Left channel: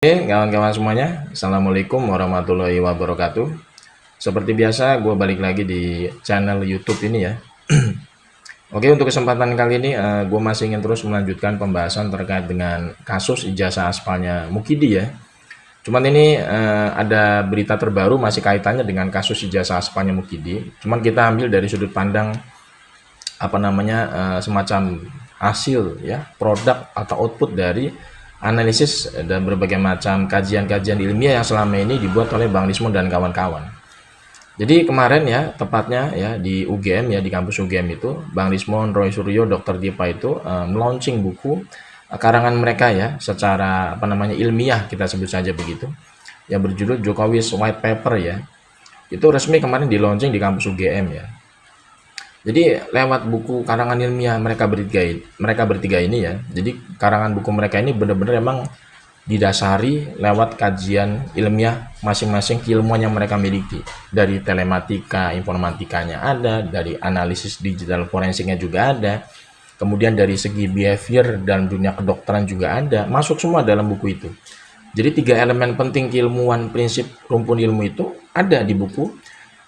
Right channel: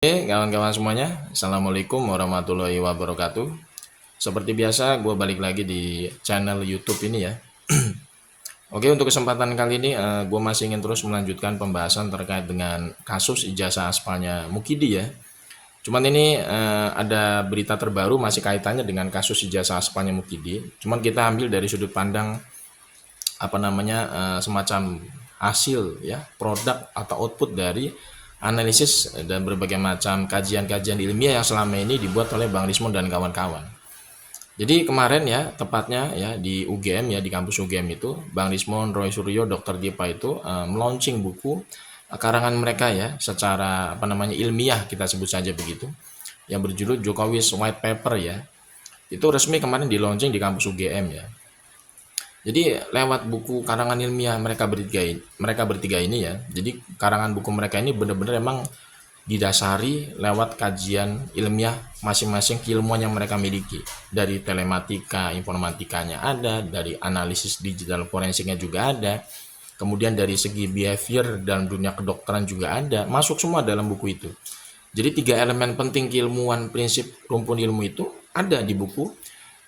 Oke, kawan-kawan semuanya, Assalamualaikum warahmatullahi wabarakatuh. Seperti biasa, gue balik lagi di channel YouTube ini ya. Oke, untuk kesempatan kali ini, gue masih ingin terus melanjutkan pembahasan terkait dengan kasus ijazah aspalnya Mukidi ya. Cuman ini ada berita terbaru masih kaitannya dengan kasus ijazah aspalnya Mukidi. Cuman kita ambil dari sudut pandang semacam hasil ya, produk atau output dari analisis dan berbagai macam kajian-kajian ilmiah yang selama ini dibuat oleh Bang Rismon dan kawan-kawan. Jadi kemarin ya, tepatnya ya di UGM ya, di kampus UGM itu Bang Rismon, Roy Suryo, Dr. Dipa itu meluncing buku karangan mereka ya, secara ilmiah, kita sebut saja begitu, yang berjudul Jokowi's White Paper ya. Itu resmi kemarin di launching di kampus UGM ya. Jadi lewat buku karangan ilmiah mereka bertiga ini ya. Jadi karangan buku mereka ini benar-benar emang didasari lewat kajian ilmiah masing-masing keilmuan yang mereka miliki. Dari telematika, informatikanya ada, dari analisis digital forensiknya juga ada. Kemudian dari segi behavior dalam dunia kedokteran juga ada, masuk semua dalam buku itu. Jadi 3 elemen penting keilmuan prinsip rumpun ilmu itu ada di buku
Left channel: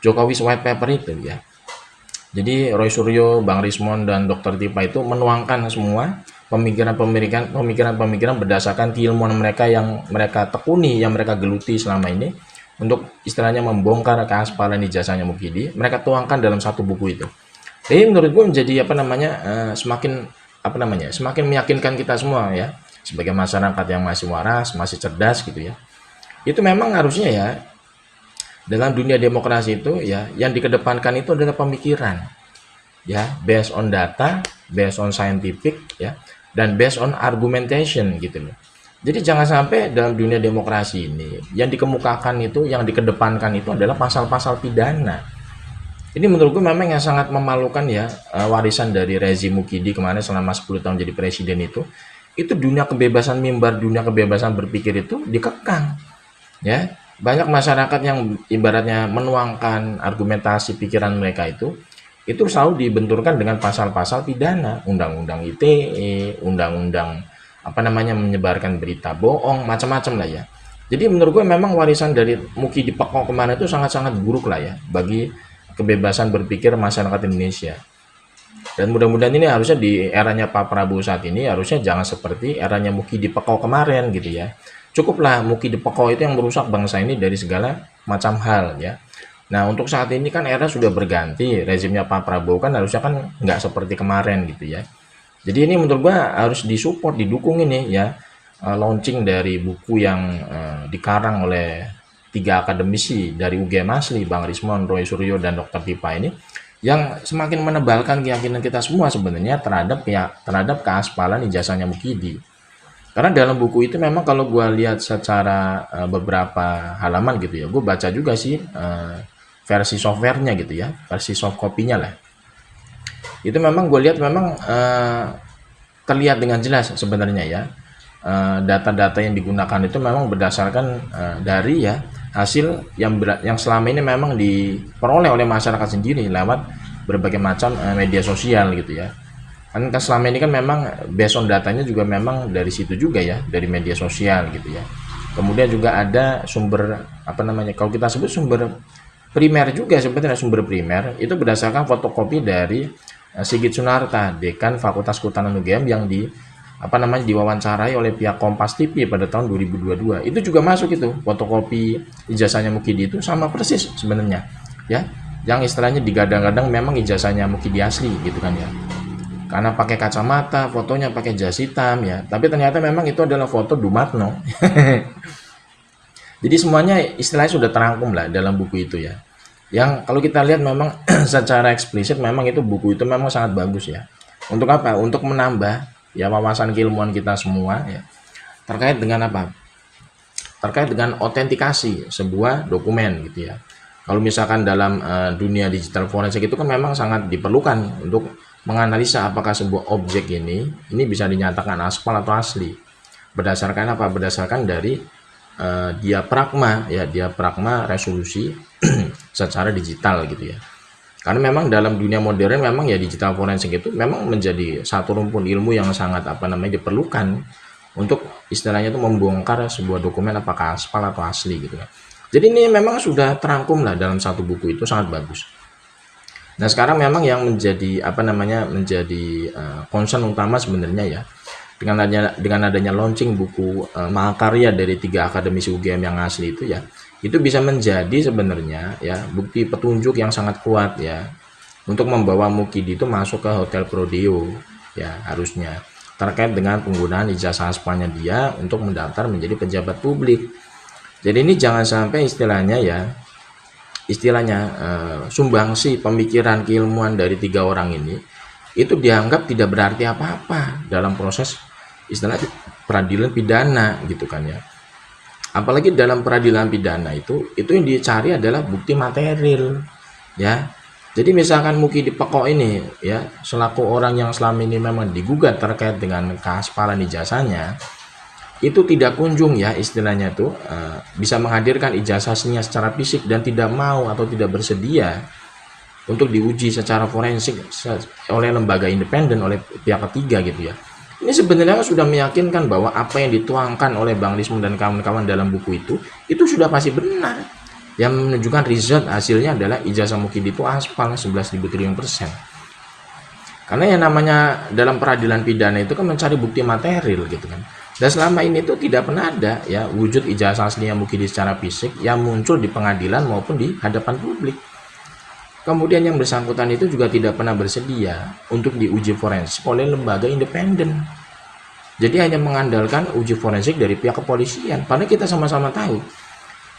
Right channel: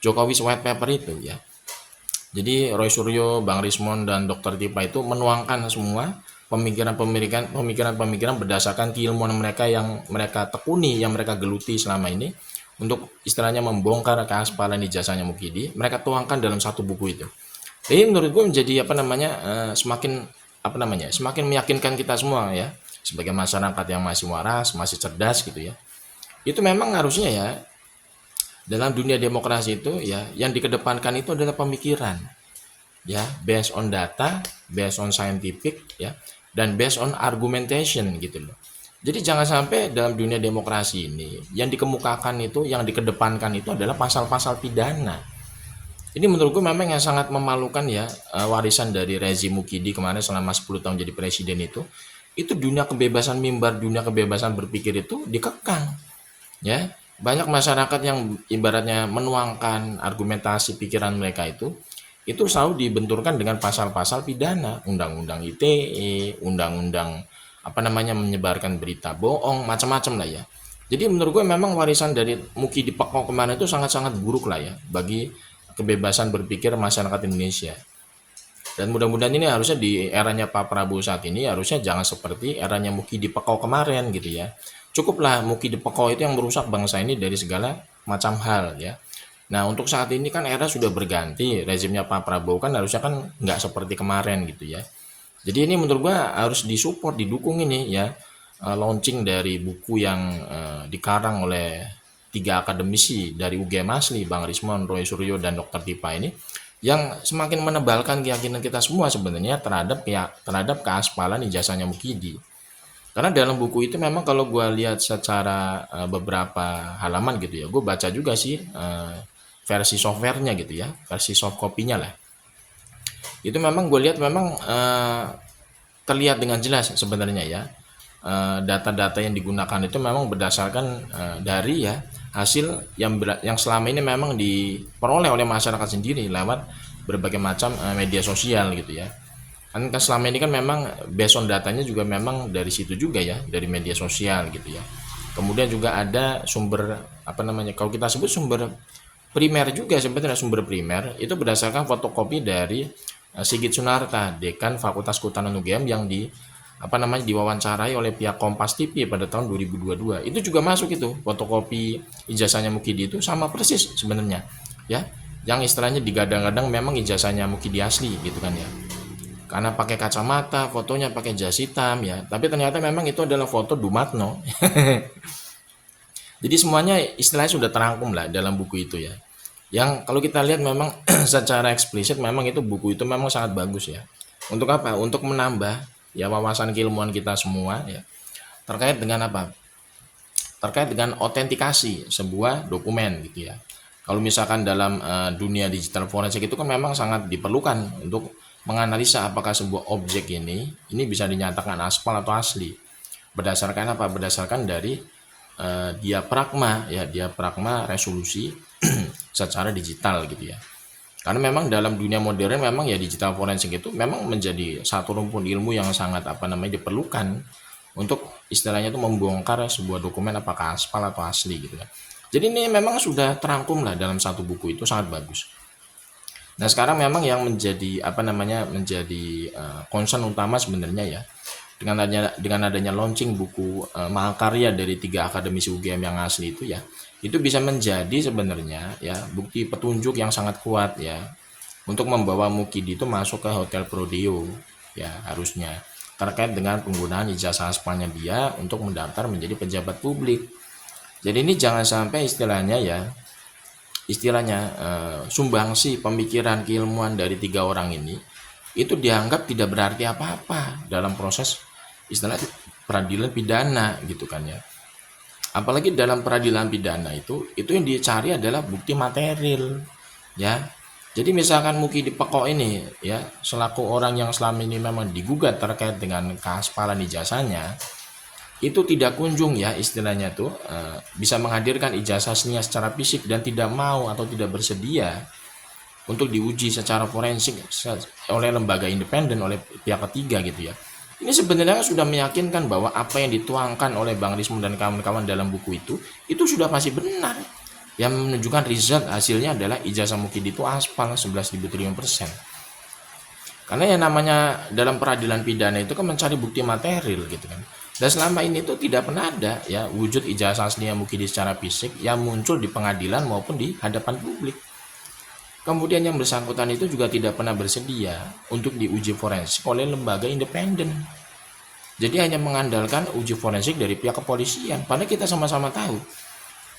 Jokowi's White Paper itu ya. Jadi Roy Suryo, Bang Rismon, dan Dr. Tipa itu menuangkan semua pemikiran-pemikiran berdasarkan keilmuan mereka yang mereka tekuni, yang mereka geluti selama ini untuk istilahnya membongkar keaspalan ijazahnya Mukidi. Mereka tuangkan dalam satu buku itu. Jadi menurut gue menjadi semakin meyakinkan kita semua ya, sebagai masyarakat yang masih waras, masih cerdas gitu ya. Itu memang harusnya ya, dalam dunia demokrasi itu ya, yang dikedepankan itu adalah pemikiran ya, based on data, based on scientific ya, dan based on argumentation gitu loh. Jadi jangan sampai dalam dunia demokrasi ini yang dikemukakan itu, yang dikedepankan itu adalah pasal-pasal pidana. Ini menurut gue memang yang sangat memalukan ya, warisan dari rezim Mukidi kemarin selama 10 tahun jadi presiden itu. Itu dunia kebebasan mimbar, dunia kebebasan berpikir itu dikekang ya. Banyak masyarakat yang ibaratnya menuangkan argumentasi pikiran mereka itu selalu dibenturkan dengan pasal-pasal pidana, undang-undang ITE, undang-undang menyebarkan berita bohong, macam-macam lah ya. Jadi menurut gue memang warisan dari Muki di Pekong kemarin itu sangat-sangat buruk lah ya bagi kebebasan berpikir masyarakat Indonesia. Dan mudah-mudahan ini harusnya di eranya Pak Prabowo saat ini harusnya jangan seperti eranya Muki di Pekong kemarin gitu ya. Cukuplah Muki di Pekong itu yang merusak bangsa ini dari segala macam hal ya. Nah, untuk saat ini kan era sudah berganti, rezimnya Pak Prabowo kan harusnya kan nggak seperti kemarin gitu ya. Jadi ini menurut gua harus disupport, didukung ini ya, launching dari buku yang dikarang oleh 3 akademisi dari UGM asli, Bang Rismon, Roy Suryo, dan Dr. Tipa ini, yang semakin menebalkan keyakinan kita semua sebenarnya terhadap keaspalan ijazahnya Mukidi. Karena dalam buku itu memang kalau gue lihat secara beberapa halaman gitu ya, gue baca juga sih versi softwarenya gitu ya, versi soft copy-nya lah. Itu memang gue lihat memang terlihat dengan jelas sebenarnya ya, data-data yang digunakan itu memang berdasarkan dari ya hasil yang selama ini memang diperoleh oleh masyarakat sendiri lewat berbagai macam media sosial gitu ya. Kan selama ini kan memang based on datanya juga memang dari situ juga ya, dari media sosial gitu ya. Kemudian juga ada sumber kalau kita sebut sumber primer juga, sebenarnya sumber primer itu berdasarkan fotokopi dari Sigit Sunarta, Dekan Fakultas Kehutanan UGM, yang diwawancarai oleh pihak Kompas TV pada tahun 2022. Itu juga masuk itu fotokopi ijazahnya Mukidi itu sama persis sebenarnya ya, yang istilahnya digadang-gadang memang ijazahnya Mukidi asli gitu kan ya, karena pakai kacamata, fotonya pakai jas hitam ya, tapi ternyata memang itu adalah foto Dumatno. Jadi semuanya istilahnya sudah terangkum lah dalam buku itu ya. Yang kalau kita lihat memang secara eksplisit memang itu buku itu memang sangat bagus ya. Untuk apa? Untuk menambah ya wawasan keilmuan kita semua ya. Terkait dengan apa? Terkait dengan autentikasi sebuah dokumen gitu ya. Kalau misalkan dalam dunia digital forensik itu kan memang sangat diperlukan untuk menganalisa apakah sebuah objek ini bisa dinyatakan aspal atau asli. Berdasarkan apa? Berdasarkan dari diafragma resolusi secara digital gitu ya. Karena memang dalam dunia modern memang ya digital forensik itu memang menjadi satu rumpun ilmu yang sangat diperlukan untuk istilahnya itu membongkar sebuah dokumen apakah aspal atau asli gitu kan. Jadi ini memang sudah terangkum lah dalam satu buku, itu sangat bagus. Nah sekarang memang yang menjadi concern utama sebenarnya ya, dengan adanya launching buku mahakarya dari 3 akademisi UGM yang asli itu ya, itu bisa menjadi sebenarnya ya bukti petunjuk yang sangat kuat ya untuk membawa Mukidi itu masuk ke Hotel Prodeo ya, harusnya terkait dengan penggunaan ijazah aspalnya dia untuk mendaftar menjadi pejabat publik. Jadi ini jangan sampai istilahnya sumbangsi pemikiran keilmuan dari 3 orang ini itu dianggap tidak berarti apa-apa dalam proses istilah peradilan pidana gitu kan ya. Apalagi dalam peradilan pidana itu yang dicari adalah bukti material ya. Jadi misalkan Mukidi Pekok ini ya selaku orang yang selama ini memang digugat terkait dengan keaspalan ijazahnya, itu tidak kunjung ya istilahnya itu bisa menghadirkan ijazahnya secara fisik dan tidak mau atau tidak bersedia untuk diuji secara forensik oleh lembaga independen, oleh pihak ketiga gitu ya. Ini sebenarnya sudah meyakinkan bahwa apa yang dituangkan oleh Bang Lismon dan kawan-kawan dalam buku itu sudah pasti benar. Yang menunjukkan result hasilnya adalah ijazah Mukidi itu aspal 11.000 triliun %. Karena yang namanya dalam peradilan pidana itu kan mencari bukti material gitu kan. Dan selama ini itu tidak pernah ada ya wujud ijazah aslinya Mukidi secara fisik yang muncul di pengadilan maupun di hadapan publik. Kemudian yang bersangkutan itu juga tidak pernah bersedia untuk diuji forensik oleh lembaga independen. Jadi hanya mengandalkan uji forensik dari pihak kepolisian. Padahal kita sama-sama tahu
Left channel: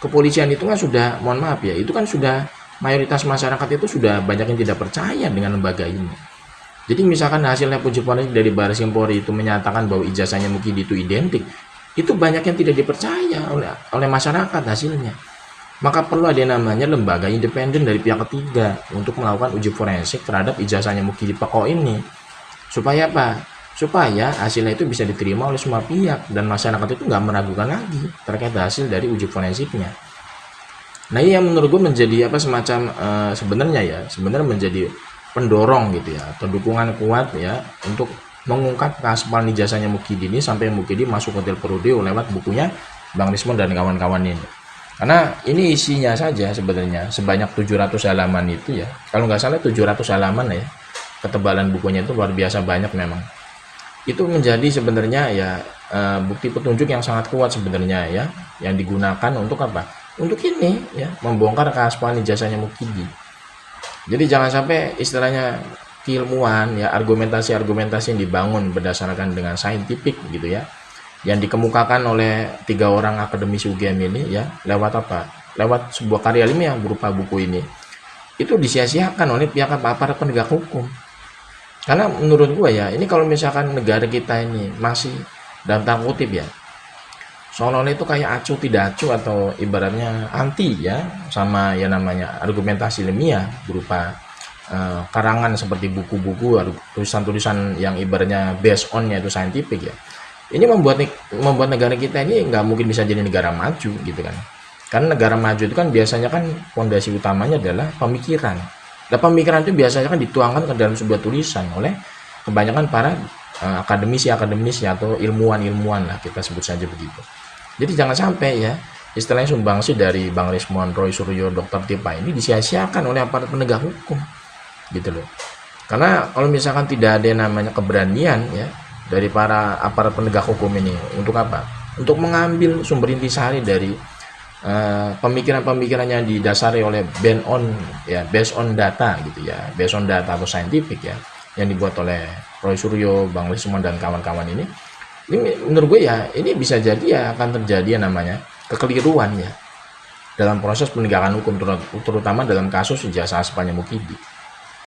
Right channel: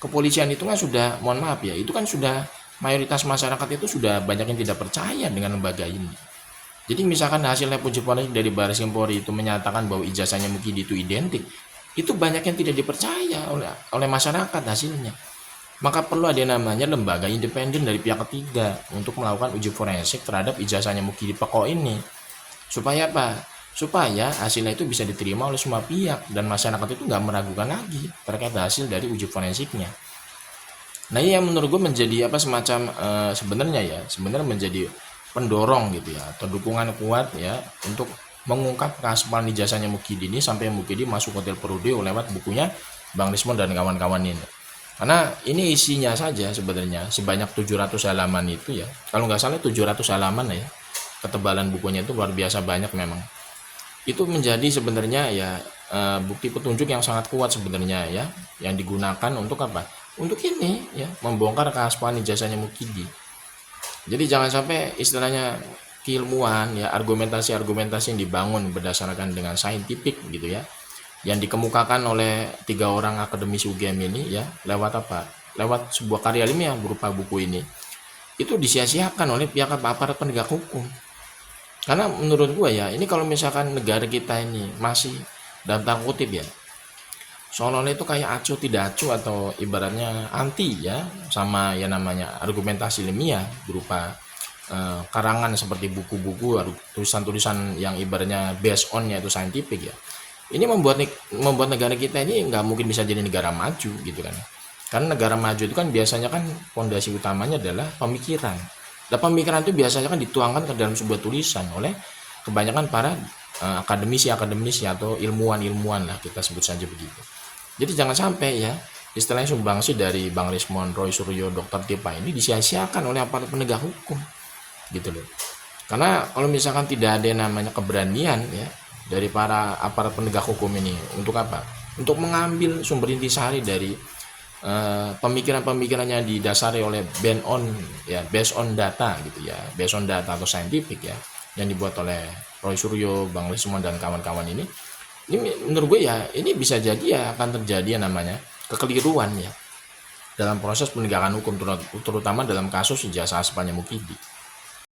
kepolisian itu kan sudah, mohon maaf ya, itu kan sudah mayoritas masyarakat itu sudah banyak yang tidak percaya dengan lembaga ini. Jadi misalkan hasilnya uji forensik dari Baris Krim Polri itu menyatakan bahwa ijazahnya Mukidi itu identik, itu banyak yang tidak dipercaya oleh masyarakat hasilnya. Maka perlu ada namanya lembaga independen dari pihak ketiga untuk melakukan uji forensik terhadap ijazahnya Mukidi Pekok ini. Supaya apa? Supaya hasilnya itu bisa diterima oleh semua pihak dan masyarakat itu nggak meragukan lagi terkait hasil dari uji forensiknya. Nah ini yang menurut gue menjadi semacam sebenarnya menjadi pendorong gitu ya, atau dukungan kuat ya untuk mengungkap keaspalan ijazahnya Mukidi ini sampai Mukidi masuk Hotel Prodeo lewat bukunya Bang Lismon dan kawan-kawan ini. Karena ini isinya saja sebenarnya sebanyak 700 halaman itu ya, kalau nggak salah 700 halaman ya, ketebalan bukunya itu luar biasa banyak memang. Itu menjadi sebenarnya ya bukti petunjuk yang sangat kuat sebenarnya ya, yang digunakan untuk apa? Untuk ini ya, membongkar keaspalan ijazahnya Mukidi. Jadi jangan sampai istilahnya keilmuan ya, argumentasi-argumentasi yang dibangun berdasarkan dengan saintifik gitu ya, yang dikemukakan oleh 3 orang akademisi UGM ini ya, lewat apa? Lewat sebuah karya ilmiah berupa buku ini, itu disia-siakan oleh pihak aparat penegak hukum. Karena menurut gua ya, ini kalau misalkan negara kita ini masih dalam tanda kutip ya, seolah-olah itu kayak acuh tidak acuh atau ibaratnya anti ya sama yang namanya argumentasi ilmiah berupa karangan seperti buku-buku, tulisan-tulisan yang ibaratnya based on-nya itu saintifik ya. Ini membuat negara kita ini nggak mungkin bisa jadi negara maju gitu kan. Karena negara maju itu kan biasanya kan fondasi utamanya adalah pemikiran. Dan pemikiran itu biasanya kan dituangkan ke dalam sebuah tulisan oleh kebanyakan para akademisi atau ilmuwan lah, kita sebut saja begitu. Jadi jangan sampai ya istilahnya sumbangsi dari Bang Lismon, Roy Suryo, Dr. Tipa ini disia-siakan oleh aparat penegak hukum gitu loh. Karena kalau misalkan tidak ada yang namanya keberanian ya dari para aparat penegak hukum ini untuk apa? Untuk mengambil sumber intisari dari pemikiran-pemikiran yang didasari oleh based on data gitu ya, based on data atau saintifik ya, yang dibuat oleh Roy Suryo, Bang Lismon dan kawan-kawan ini menurut gue ya ini bisa jadi ya akan terjadi yang namanya kekeliruan ya dalam proses penegakan hukum, terutama dalam kasus ijazah aspalnya Mukidi.